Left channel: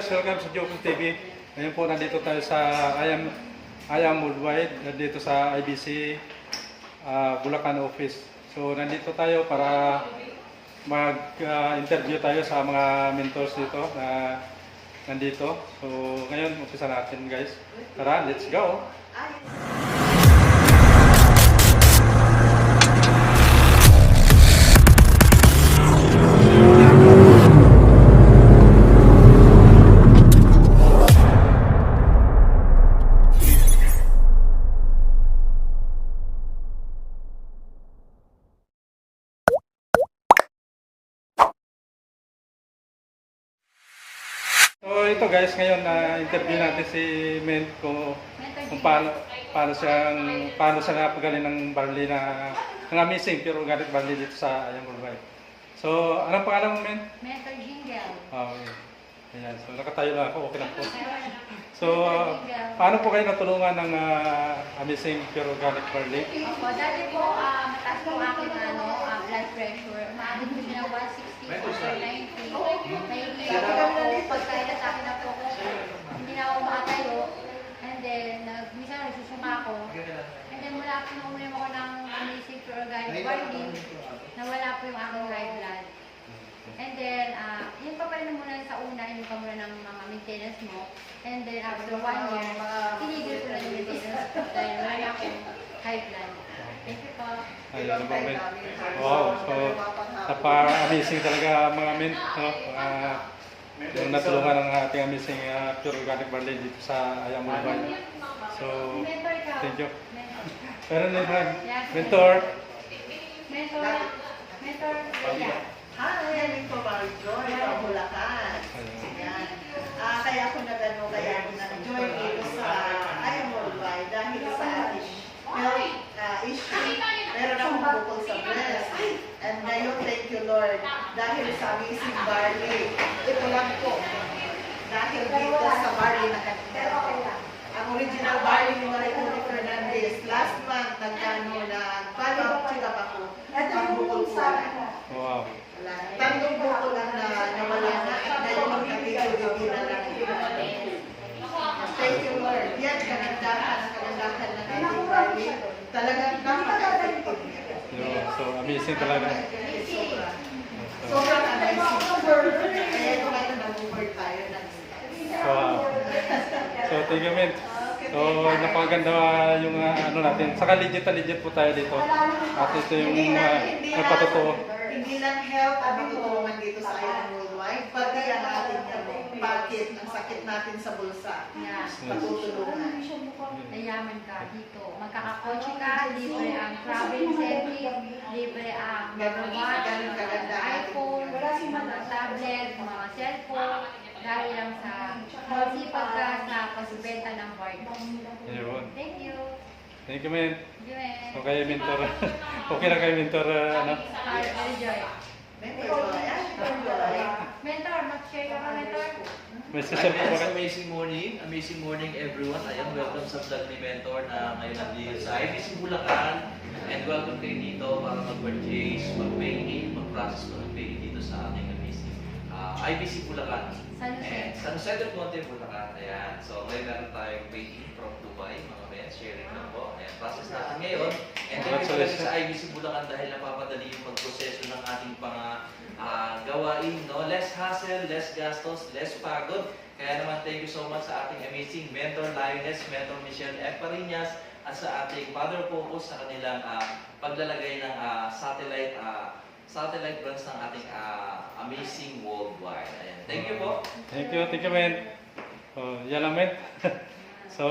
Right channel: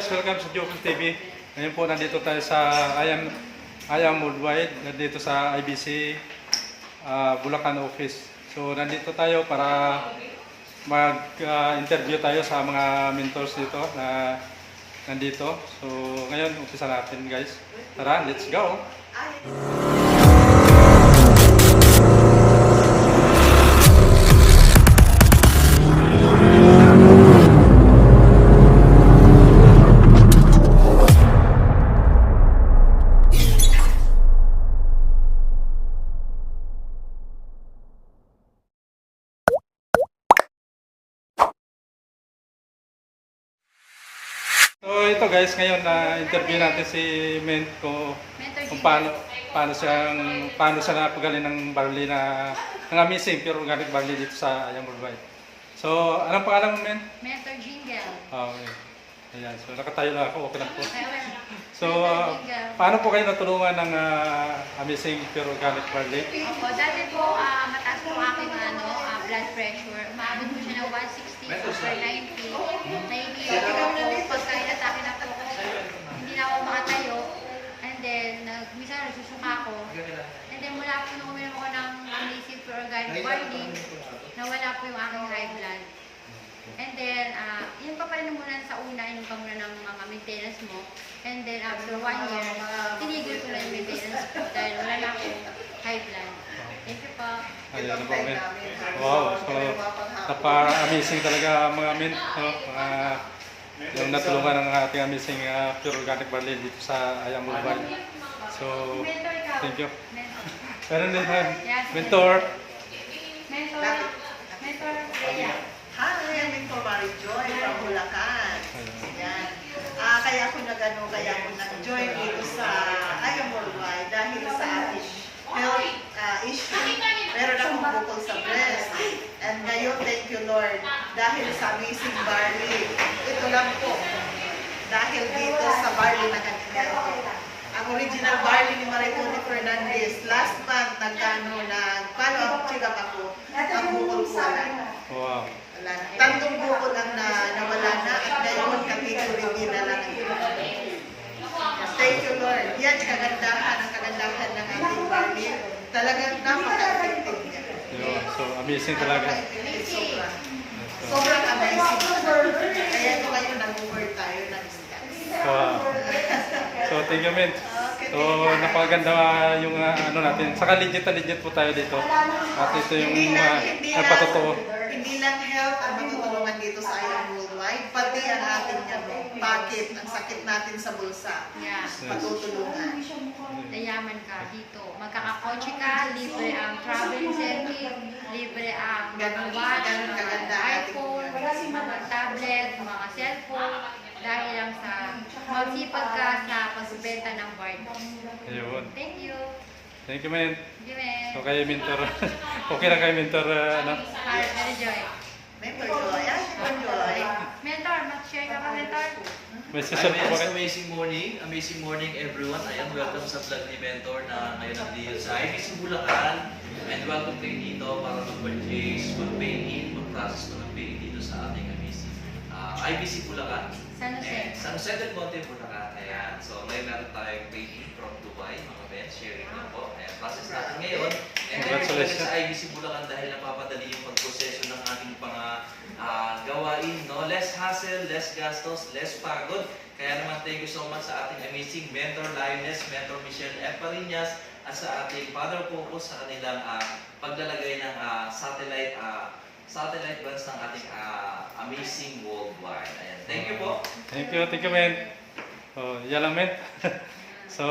Guys, welcome sa Jokul TV. Ngayon po nandito tayo sa I am, I am Worldwide, nandito sa IBC ah, Bulacan office. So nandito tayo para mag-interview tayo sa mga mentors dito na nandito. So ngayon, umpisa natin guys. Tara, let's go! So ito guys, ngayon na interview natin si Mento Mentor kung paano paano siyang paano siya napagaling ng barley na ng amazing pure organic barley dito sa Ayang Worldwide. So, anong pangalan mo, Men? Mentor Jingle. Ah, okay. Ayan, so nakatayo na ako, okay lang po. So, ah, paano po kayo natulungan ng ah, amazing pure organic barley? Opo, dati po ah, mataas po aking ano, ah, blood pressure. Umaabot po siya ng 160 over 90. Nahihilo ako. Pagka inatake na po hindi na ako makatayo. And then, nag, minsan nagsusuka ako. And then, mula po nung uminom ako ng amazing pure organic barley, nawala po yung aking high blood. And then, ah, yun pa pa rin muna sa una, inom ka muna ng mga maintenance mo. And then, after one year, tinigil ko na yung maintenance ko dahil wala na akong high blood. Thank you po. Ayun, ano po, Men? Wow, so napaka-amazing talaga ang mga men. No? Mga, yung natulungan ng ating amazing ah, pure organic barley dito sa Ayang Worldwide. So, Mentor thank you. Mentor. Din tayo. Yes, Mentor. Mentor. Mentor. Hi, I'm Mentor Mary Joy from Bulacan. Yan. Ah, kaya ako nagano, kaya ako nag-join dito sa Ayang Worldwide dahil sa ating health ah, issue. Meron akong bukol sa breast. And ngayon, thank you Lord, dahil sa amazing barley. Ito lang po. Dahil dito sa barley na kanina. Ang original barley ni Maricone Fernandez, last month, nagkano na, follow-up check-up ako, ang bukol ko. Wow. Wala na. Tandong buko lang na nawala na at ngayon kapituloy na lang ang Thank you Lord. Yan kagandahan ang kagandahan ng ating barley. Talagang napaka-effective niya. Yun. So, amazing talaga. Sobra. Sobrang amazing. Kaya ito ngayon nag-over tayo ng steps. Wow. So, thank you, men. So, napakaganda yung ah, ano natin. Saka legit na legit po tayo dito. At ito yung uh, lang, hindi lang, health ang matutulungan dito sa Iron Worldwide, pati ang ating ano, bakit, ang sakit natin sa bulsa, Yeah. patutulungan. Dayaman ka dito. Magkakakotse ka, libre ang travel incentive, libre ang Ganun, watch, ganun kaganda iPhone, mga tablet, mga cellphone, dahil lang sa magsipag ka sa pagbenta ng barko. Ayun. Thank you. Thank you. Given. So, kayo, mentor. okay lang kayo, mentor. ah, ano? Hi, Joy. Mentor Joy, ah, Mentor Joy. Mentor, mag-share ka ka, mentor? May Hi, session po Mens. Amazing morning. Amazing morning, everyone. Ayan, welcome sa vlog ni Mentor na ngayon nandito sa IBC Bulacan. And welcome kayo dito para mag-purchase, mag-pay in, mag-process na mag-pay in dito sa ating IBC Bulacan. San Jose. And San Jose del Monte, Bulacan. Ayan. So, may meron tayong in from Dubai, mga men. Sharing na po. Ayan, process natin ngayon. And then, Congratulations. sa IBC Bulacan dahil napapadali yung pagproseso ng ating mga ah, gawain, no? Less hassle, less gastos, less pagod. Kaya naman, thank you so much sa ating amazing mentor Lioness, mentor Michelle Eparinas, at sa ating Father Focus sa kanilang ah, paglalagay ng ah, satellite ah, satellite branch ng ating ah, amazing Ayan. Thank you po. Thank you, thank you, men. So, yan lang, men. so,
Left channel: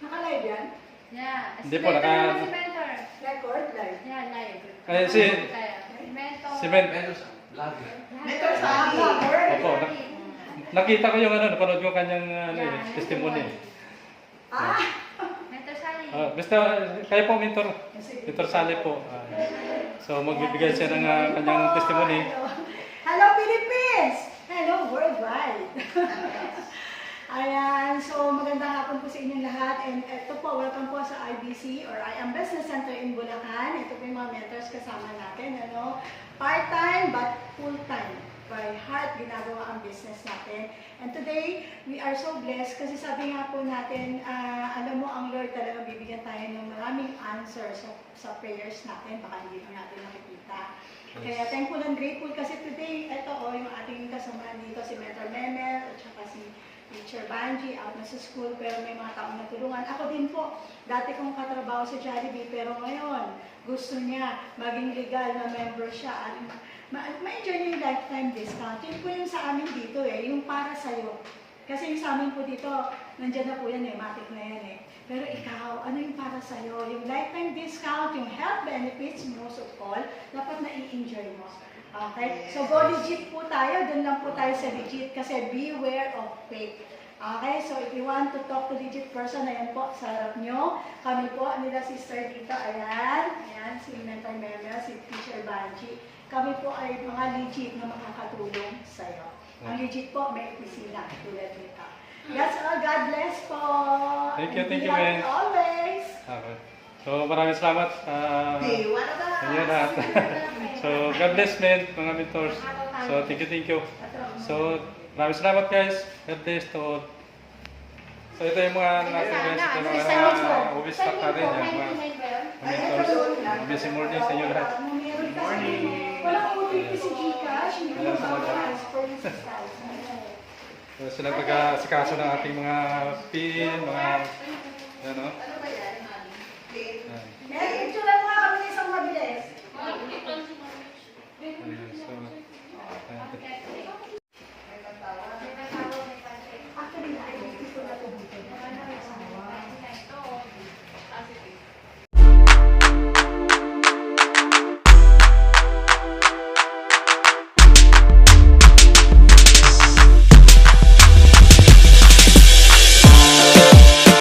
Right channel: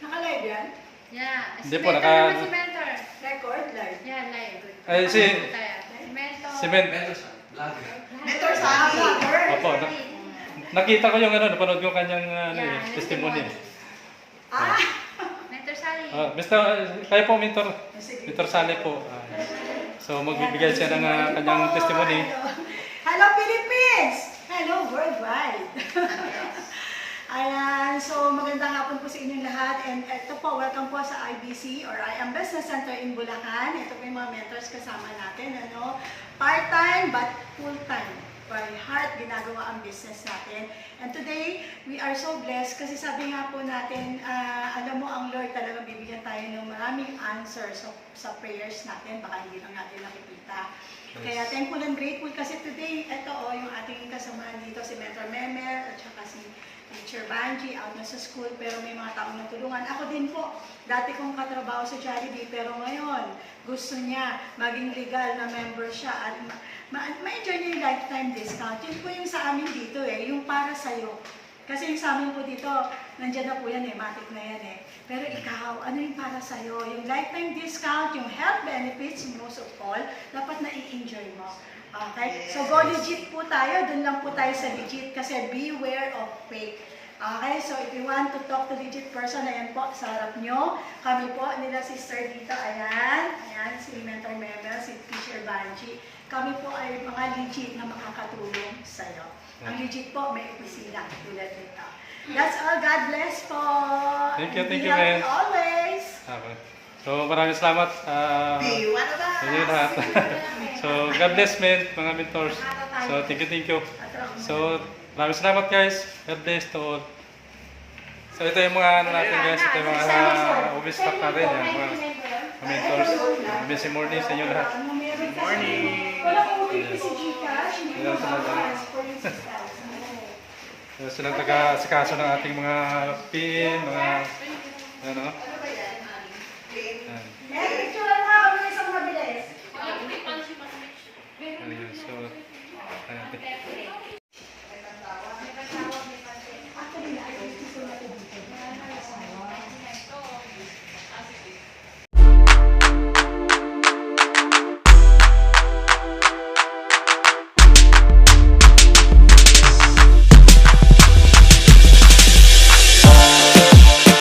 Naka-live yan? Yeah. Hindi po, mentor naka- si mentor. Record live? Yeah, live. Ay, si- Kaya, mentor. si men. Mentor sa vlog. Mentor sa akin. Opo, na- nakita ko yung ano, napanood ko kanyang ano, Yeah, eh, testimony. Ah! Mentor Sally. Ah, basta, kayo po, mentor. Mentor Sally po. Ah, so, magbibigay siya ng ah, kanyang testimony. Hello Philippines! Hello worldwide! Ayan, so magandang hapon po sa inyong lahat and ito po, welcome po sa IBC or I am Business Center in Bulacan. Ito po yung mga mentors kasama natin, ano, part-time but full-time. by heart ginagawa ang business natin. And today, we are so blessed kasi sabi nga po natin, ah, alam mo ang Lord bibigyan tayo ng maraming answers sa, sa prayers natin, baka hindi lang natin nakikita. Kaya thankful and grateful kasi today, ito o, yung ating kasamahan dito, si Mentor Memer at saka si Teacher Banji, out na sa school, pero may mga taong natulungan. Ako din po, dati kong katrabaho sa Jollibee, pero ngayon, gusto niya maging legal na member siya at ma- ma- ma-enjoy niya yung lifetime discount. Yun po yung sa amin dito eh, yung para sa'yo. Kasi yung sa amin po dito, nandyan na po yan eh, matik na yan eh. Pero ikaw, ano yung para sa'yo? Yung lifetime discount, yung health benefits, most of all, dapat na-i-enjoy mo. Okay? So go legit po tayo, dun lang po tayo sa legit kasi beware of fake. Okay, so if you want to talk to legit person, ayan po, sa harap nyo. Kami po, nila sister dito, ayan. Ayan, si Mentor Memel, si Teacher Banji. Kami po ay mga legit na makakatulong sa'yo. Ang legit po, may kusina tulad nito. That's all. God bless po. Thank you, thank you, happy always. Okay. So maraming salamat. Uh, Be one of us. sa so God bless men, mga mentors. So thank you, thank you. So maraming salamat guys. God bless to all. So ito yung mga ano natin guys. Ito yung mga uh, obvious stock natin. Eh, mga mentors. Busy morning sa inyo lahat. Good morning. Walang OVP si Gcash, hindi ko Ayan, sa mga- ma-transfer yung 6,000. Eh, uh, silang taga-sikaso ng ating mga pin, mga, ano. ano Ayan.